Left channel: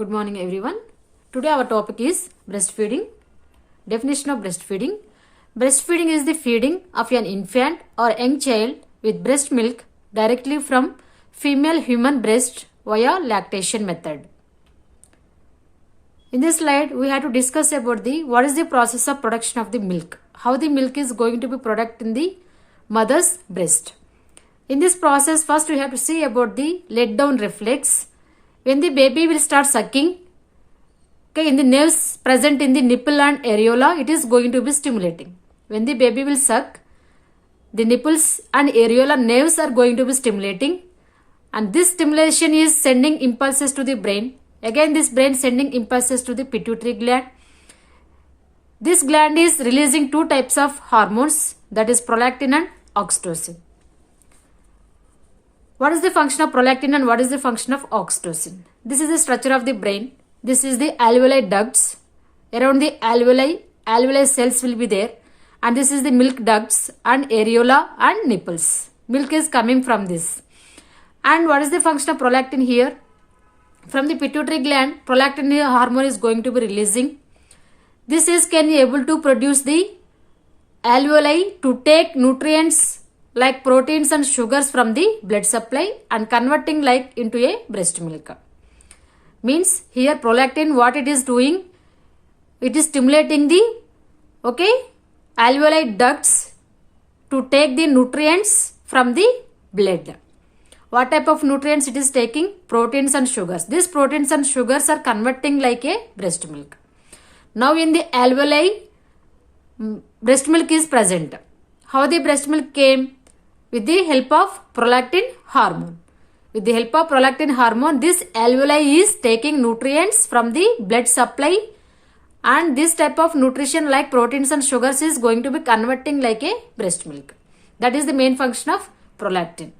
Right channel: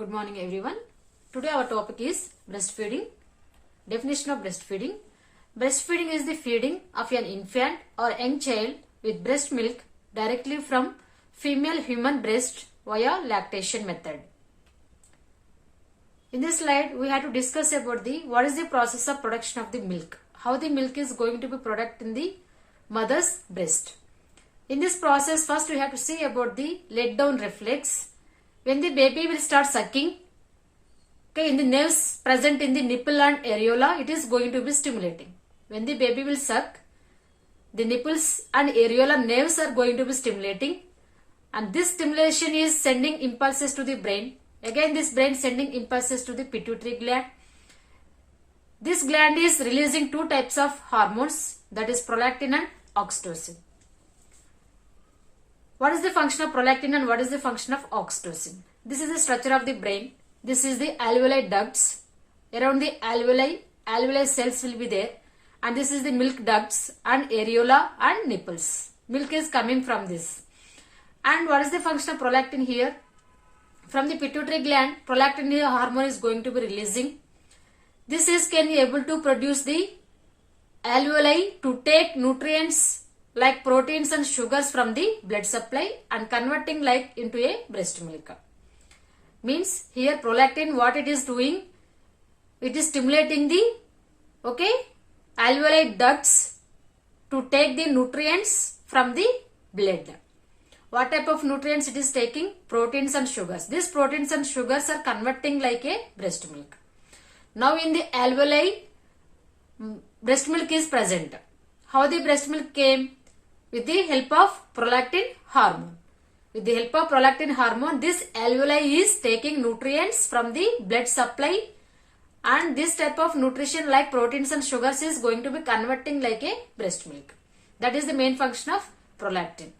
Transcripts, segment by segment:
Good morning everyone. Today our topic is breastfeeding. Definition of breastfeeding. Breastfeeding is the feeding of an infant or young child with breast milk directly from female human breast via lactation method. In this slide we have to discuss about what is the process of production of the milk. How the milk is going to be produced in the mother's breast. In this process first we have to see about the let down reflex. When the baby will start sucking, in the nerves present in the nipple and areola, it is going to be stimulating. When the baby will suck, the nipples and areola nerves are going to be stimulating, and this stimulation is sending impulses to the brain. Again, this brain sending impulses to the pituitary gland. This gland is releasing two types of hormones, that is prolactin and oxytocin. What is the function of prolactin and what is the function of oxytocin? This is the structure of the brain. This is the alveoli ducts. Around the alveoli cells will be there. And this is the milk ducts and areola and nipples. Milk is coming from this. And what is the function of prolactin here? From the pituitary gland, prolactin hormone is going to be releasing. This is can be able to produce the alveoli to take nutrients like proteins and sugars from the blood supply and converting like into a breast milk. Means here prolactin what it is doing, it is stimulating the alveoli ducts to take the nutrients from the blood. What type of nutrients it is taking? Proteins and sugars. These proteins and sugars are converting like a breast milk. Now in the alveoli, breast milk is present. How the breast milk came? With the help of prolactin hormone. With the help of prolactin hormone, this alveoli is taking nutrients from the blood supply, and this type of nutrition like proteins and sugars is going to be converting like a breast milk. That is the main function of prolactin.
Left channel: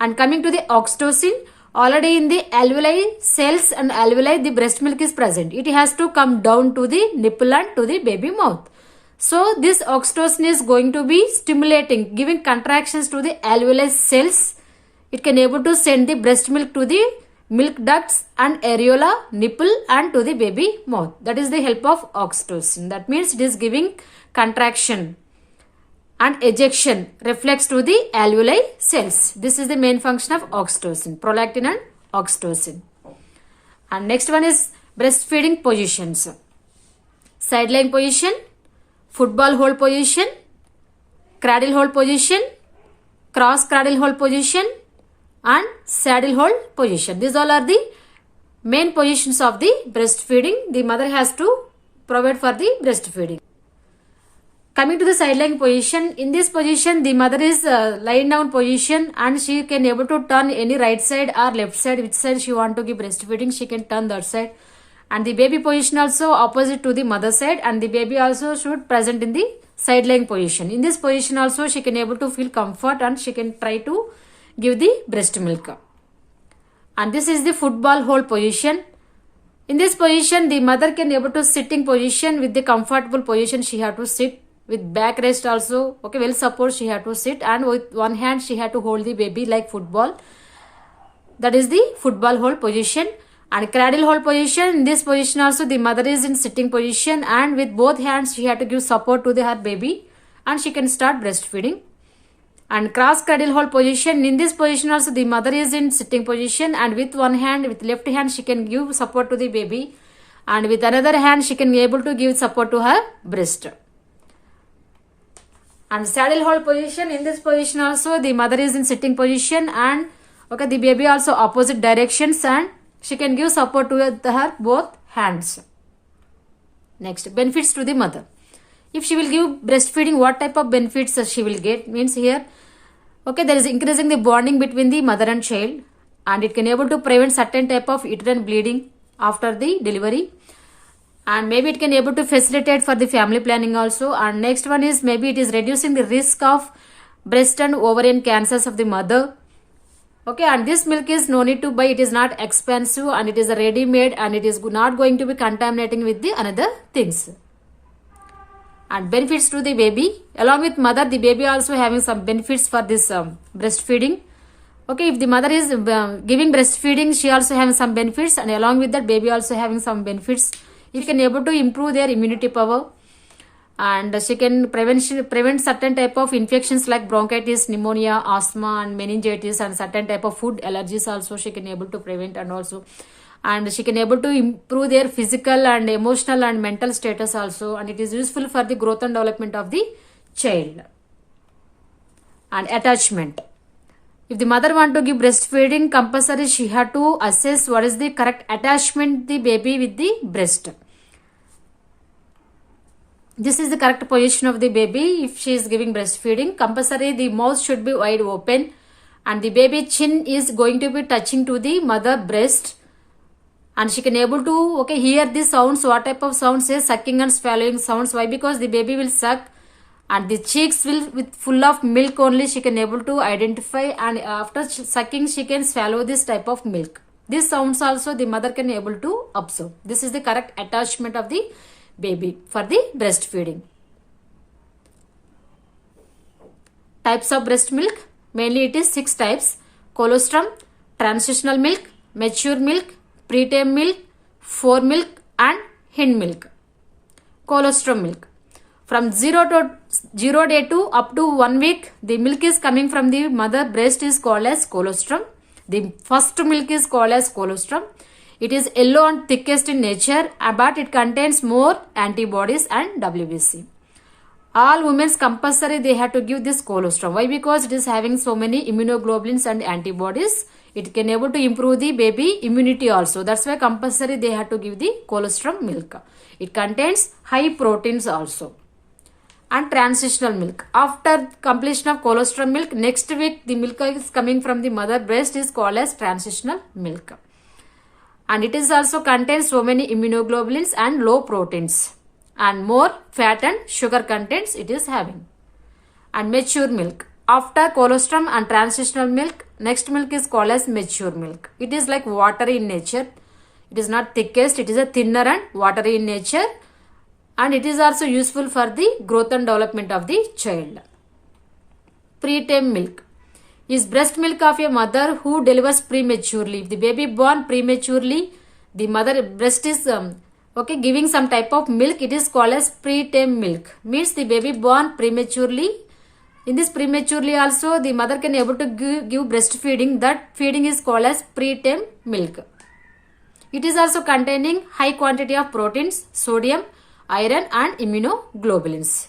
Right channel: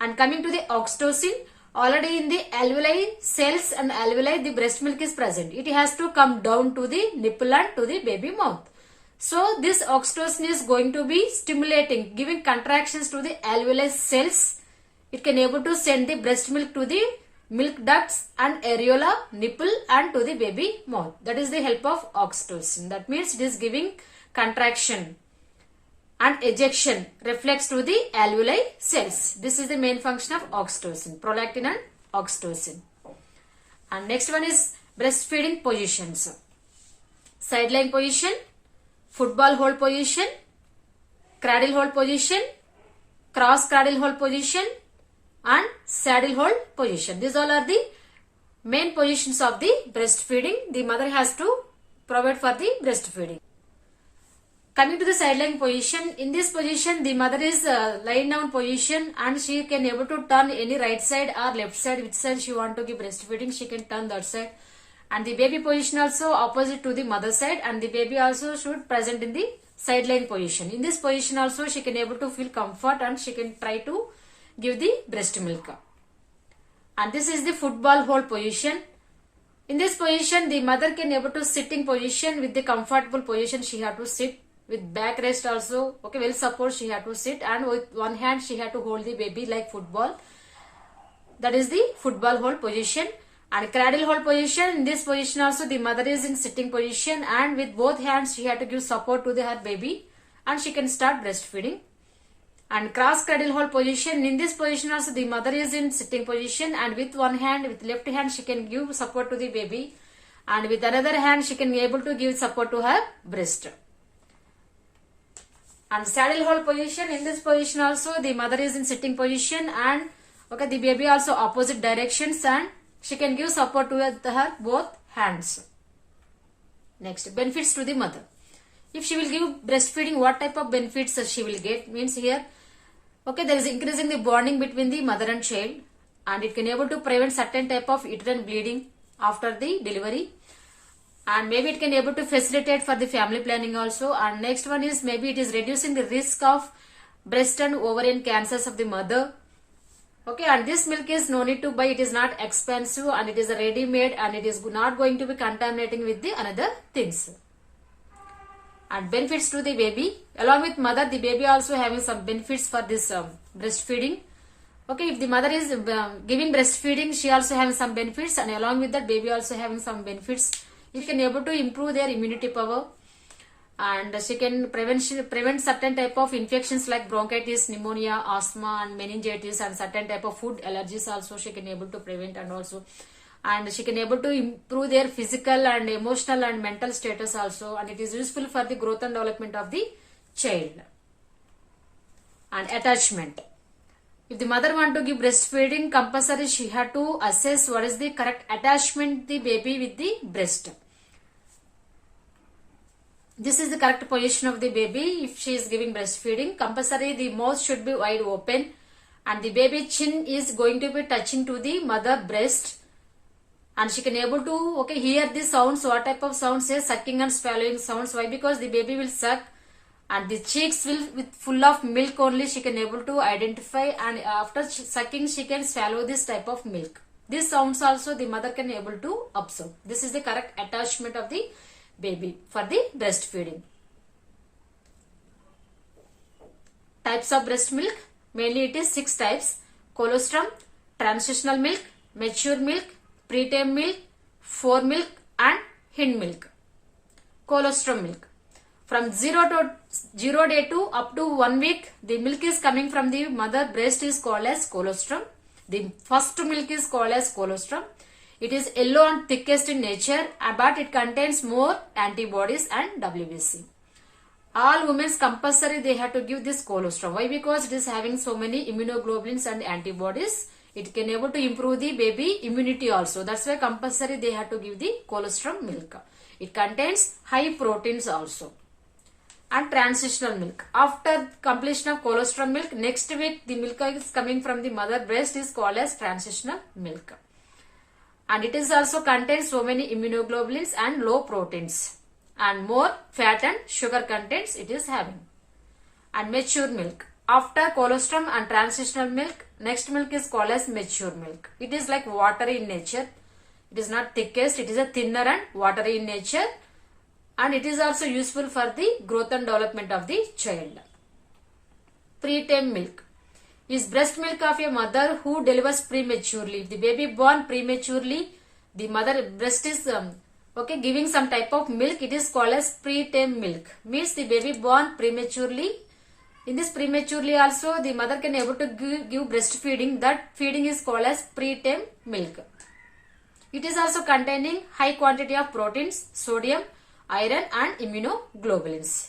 And coming to the oxytocin, already in the alveoli cells and alveoli the breast milk is present. It has to come down to the nipple and to the baby mouth. So this oxytocin is going to be stimulating, giving contractions to the alveoli cells. It can able to send the breast milk to the milk ducts and areola, nipple and to the baby mouth. That is the help of oxytocin. That means it is giving contraction and ejection reflex to the alveoli cells. This is the main function of oxytocin, prolactin and oxytocin. And next one is breastfeeding positions. Sideline position, football hold position, cradle hold position, cross cradle hold position and saddle hold position. These all are the main positions of the breastfeeding. The mother has to provide for the breastfeeding. Coming to the sideline position, in this position the mother is lying down position and she can able to turn any right side or left side, which side she want to give breastfeeding, she can turn that side. And the baby position also opposite to the mother side, and the baby also should present in the sideline position. In this position also she can able to feel comfort and she can try to give the breast milk. And this is the football hold position. In this position the mother can able to sitting position with the comfortable position she have to sit with back rest also. Well support she have to sit, and with one hand she have to hold the baby like football. That is the football hold position. And cradle hold position, in this position also the mother is in sitting position and with both hands she had to give support to her baby and she can start breastfeeding. And cross cradle hold position, in this position also the mother is in sitting position and with one hand, with left hand she can give support to the baby and with another hand she can be able to give support to her breast. And saddle hold position, in this position also the mother is in sitting position and the baby also opposite directions and she can give support to her both hands. Next, benefits to the mother. If she will give breastfeeding, what type of benefits she will get? Means here, there is increasing the bonding between the mother and child, and it can able to prevent certain type of uterine bleeding after the delivery, and maybe it can able to facilitate for the family planning also. And next one is maybe it is reducing the risk of breast and ovarian cancers of the mother. And this milk is no need to buy, it is not expensive and it is a ready made and it is not going to be contaminating with the another things. And benefits to the baby, along with mother the baby also having some benefits for this breastfeeding. Okay, if the mother is giving breastfeeding, she also having some benefits, and along with that, baby also having some benefits. It can able to improve their immunity power, and she can prevent certain type of infections like bronchitis, pneumonia, asthma, and meningitis, and certain type of food allergies also she can able to prevent, and she can able to improve their physical and emotional and mental status also, and it is useful for the growth and development of the child. And attachment. If the mother want to give breastfeeding, compulsory she had to assess what is the correct attachment the baby with the breast. This is the correct position of the baby. If she is giving breastfeeding, compulsory the mouth should be wide open, and the baby chin is going to be touching to the mother breast, and she can able to hear the sounds. What type of sounds is sucking and swallowing sounds. Why? Because the baby will suck, and the cheeks will with full of milk only she can able to identify, and after sucking she can swallow this type of milk. These sounds also the mother can able to observe. This is the correct attachment of the baby for the breastfeeding. Types of breast milk, mainly it is 6 types: colostrum, transitional milk, mature milk, preterm milk, foremilk, and hind milk. Colostrum milk. From 0 day to up to 1 week, the milk is coming from the mother breast is called as colostrum. The first milk is called as colostrum. It is yellow and thickest in nature, but it contains more antibodies and WBC. All women compulsory they have to give this colostrum. Why? Because it is having so many immunoglobulins and antibodies. It can able to improve the baby immunity also. That's why compulsory they have to give the colostrum milk. It contains high proteins also. And transitional milk. After completion of colostrum milk, next week the milk is coming from the mother breast is called as transitional milk. And it is also contains so many immunoglobulins and low proteins, and more fat and sugar contents it is having. And mature milk. After colostrum and transitional milk, next milk is called as mature milk. It is like watery in nature. It is not thickest, it is a thinner and watery in nature, and it is also useful for the growth and development of the child. Preterm milk is breast milk of a mother who delivers prematurely. If the baby born prematurely, the mother breast is giving some type of milk, it is called as preterm milk. Means the baby born prematurely. In this prematurely also the mother can able to give breastfeeding. That feeding is called as preterm milk. It is also containing high quantity of proteins, sodium, iron, and immunoglobulins.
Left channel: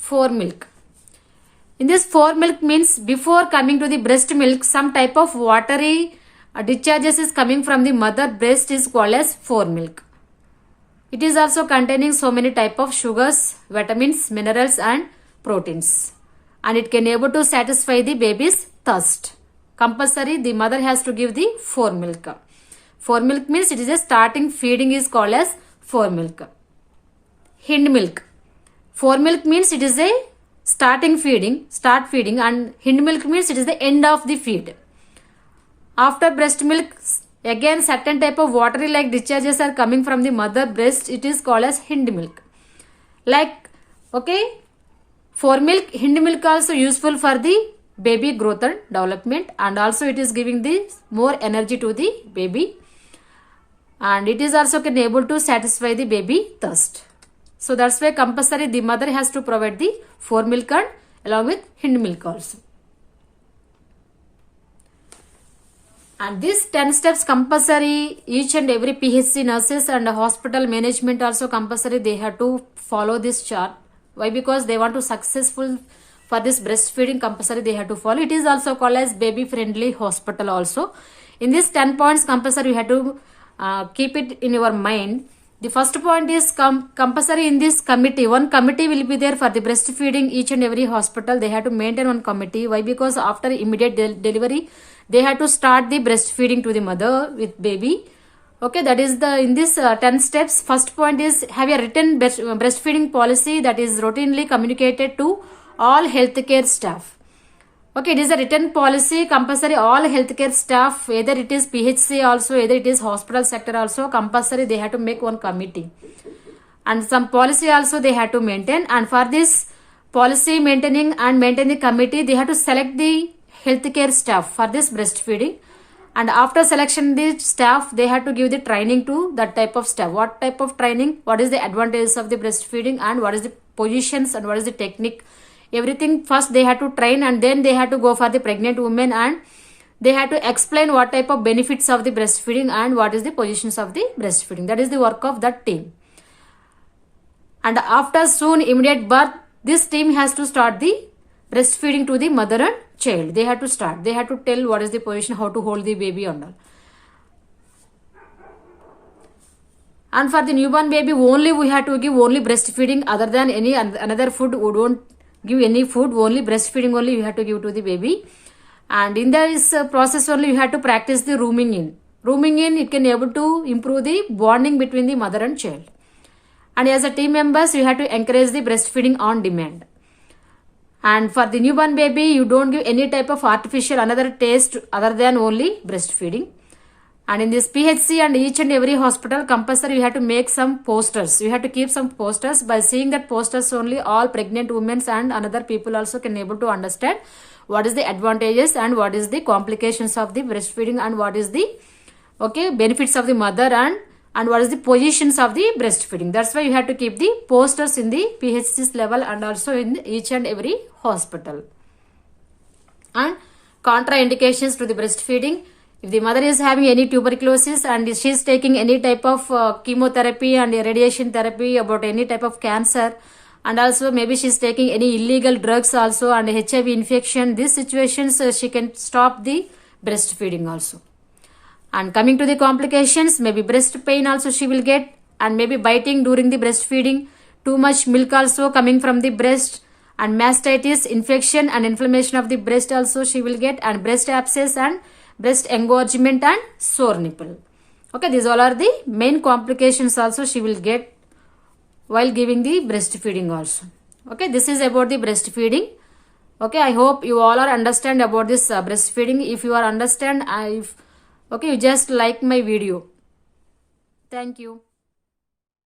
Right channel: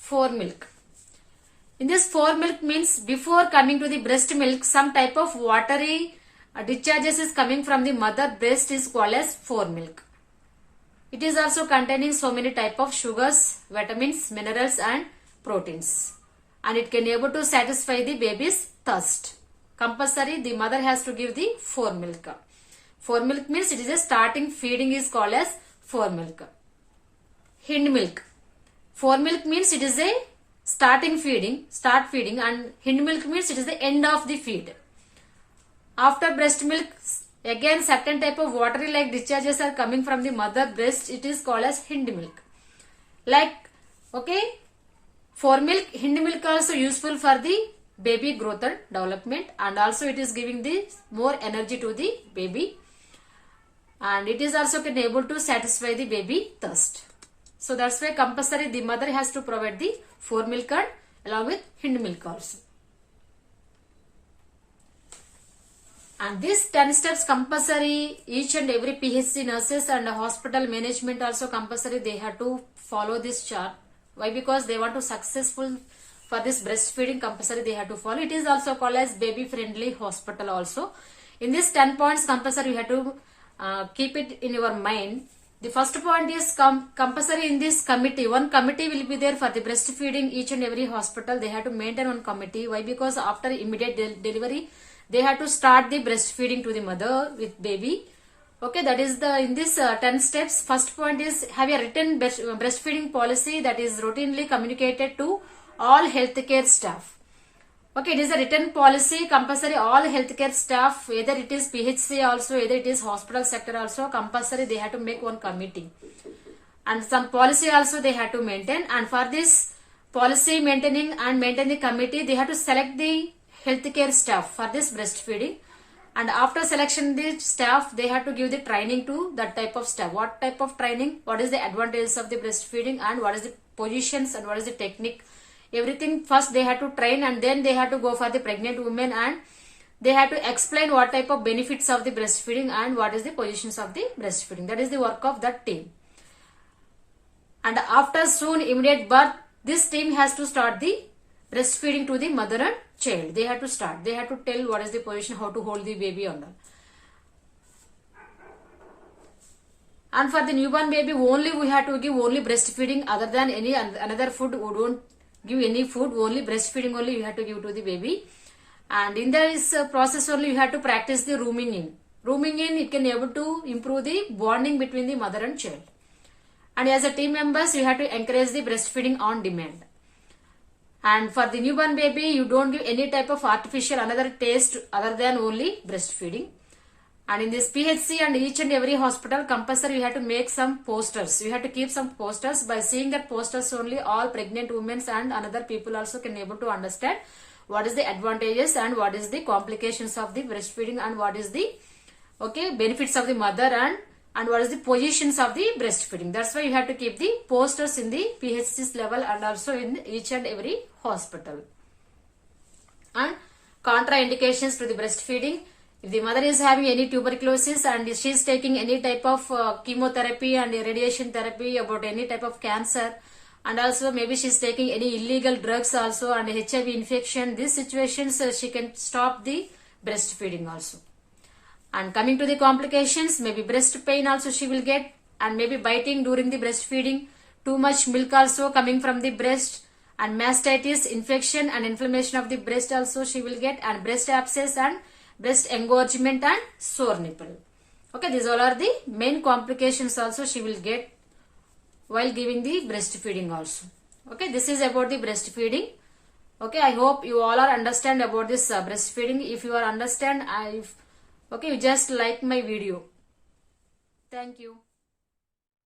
Foremilk. In this foremilk means before coming to the breast milk, some type of watery discharges is coming from the mother breast is called as foremilk. It is also containing so many type of sugars, vitamins, minerals, and proteins, and it can able to satisfy the baby's thirst. Compulsory the mother has to give the foremilk. Foremilk means it is a starting feeding is called as foremilk. Hind milk. Foremilk means it is a start feeding, and hind milk means it is the end of the feed. After breast milk, again certain type of watery like discharges are coming from the mother breast. It is called as hind milk. Like foremilk, hind milk also useful for the baby growth and development, and also it is giving the more energy to the baby, and it is also can able to satisfy the baby thirst. So that's why compulsory the mother has to provide the foremilk and along with hind milk also. And these 10 steps compulsory, each and every PHC nurses and hospital management also compulsory they have to follow this chart. Why? Because they want to successful for this breastfeeding, compulsory they have to follow. It is also called as baby friendly hospital also. In this 10 points compulsory you have to keep it in your mind. The first point is compulsory in this committee. One committee will be there for the breastfeeding. Each and every hospital they have to maintain one committee. Why? Because after immediate delivery they have to start the breastfeeding to the mother with baby. Okay, that is the in this 10 steps. First point is have a written breastfeeding policy that is routinely communicated to all healthcare staff. Okay, it is a written policy compulsory all healthcare staff, either it is PHC also, either it is hospital sector also, compulsory they have to make one committee, and some policy also they have to maintain. And for this policy maintaining committee, they have to select the healthcare staff for this breastfeeding. And after selection the staff, they had to give the training to that type of staff. What type of training? What is the advantages of the breastfeeding and what is the positions and what is the technique? Everything first they had to train, and then they had to go for the pregnant women, and they had to explain what type of benefits of the breastfeeding and what is the positions of the breastfeeding. That is the work of that team. And after soon immediate birth, this team has to start the breastfeeding to the mother and child. They had to start. They had to tell what is the position, how to hold the baby and all. And for the newborn baby, only we had to give only breastfeeding, other than any another food. We don't give any food, only breastfeeding only you have to give to the baby. And in this process only you have to practice the rooming in. Rooming in, it can able to improve the bonding between the mother and child. And as a team members, you have to encourage the breastfeeding on demand. And for the newborn baby, you don't give any type of artificial another taste other than only breastfeeding. And in this PHC and each and every hospital, compulsory you have to make some posters. You have to keep some posters. By seeing that posters only, all pregnant women and another people also can able to understand what is the advantages and what is the complications of the breastfeeding and what is the benefits of the mother and what is the positions of the breastfeeding. That's why you have to keep the posters in the PHC's level and also in each and every hospital. And contraindications to the breastfeeding. If the mother is having any tuberculosis and she is taking any type of chemotherapy and radiation therapy about any type of cancer, and also maybe she is taking any illegal drugs also and HIV infection, these situations she can stop the breastfeeding also. And coming to the complications, maybe breast pain also she will get, and maybe biting during the breastfeeding, too much milk also coming from the breast, and mastitis, infection and inflammation of the breast also she will get, and breast abscess and breast engorgement and sore nipple. Okay, these all are the main complications also she will get while giving the breastfeeding also. Okay, this is about the breastfeeding. Okay, I hope you all are understand about this breastfeeding. If you are understand, you just like my video. Thank you.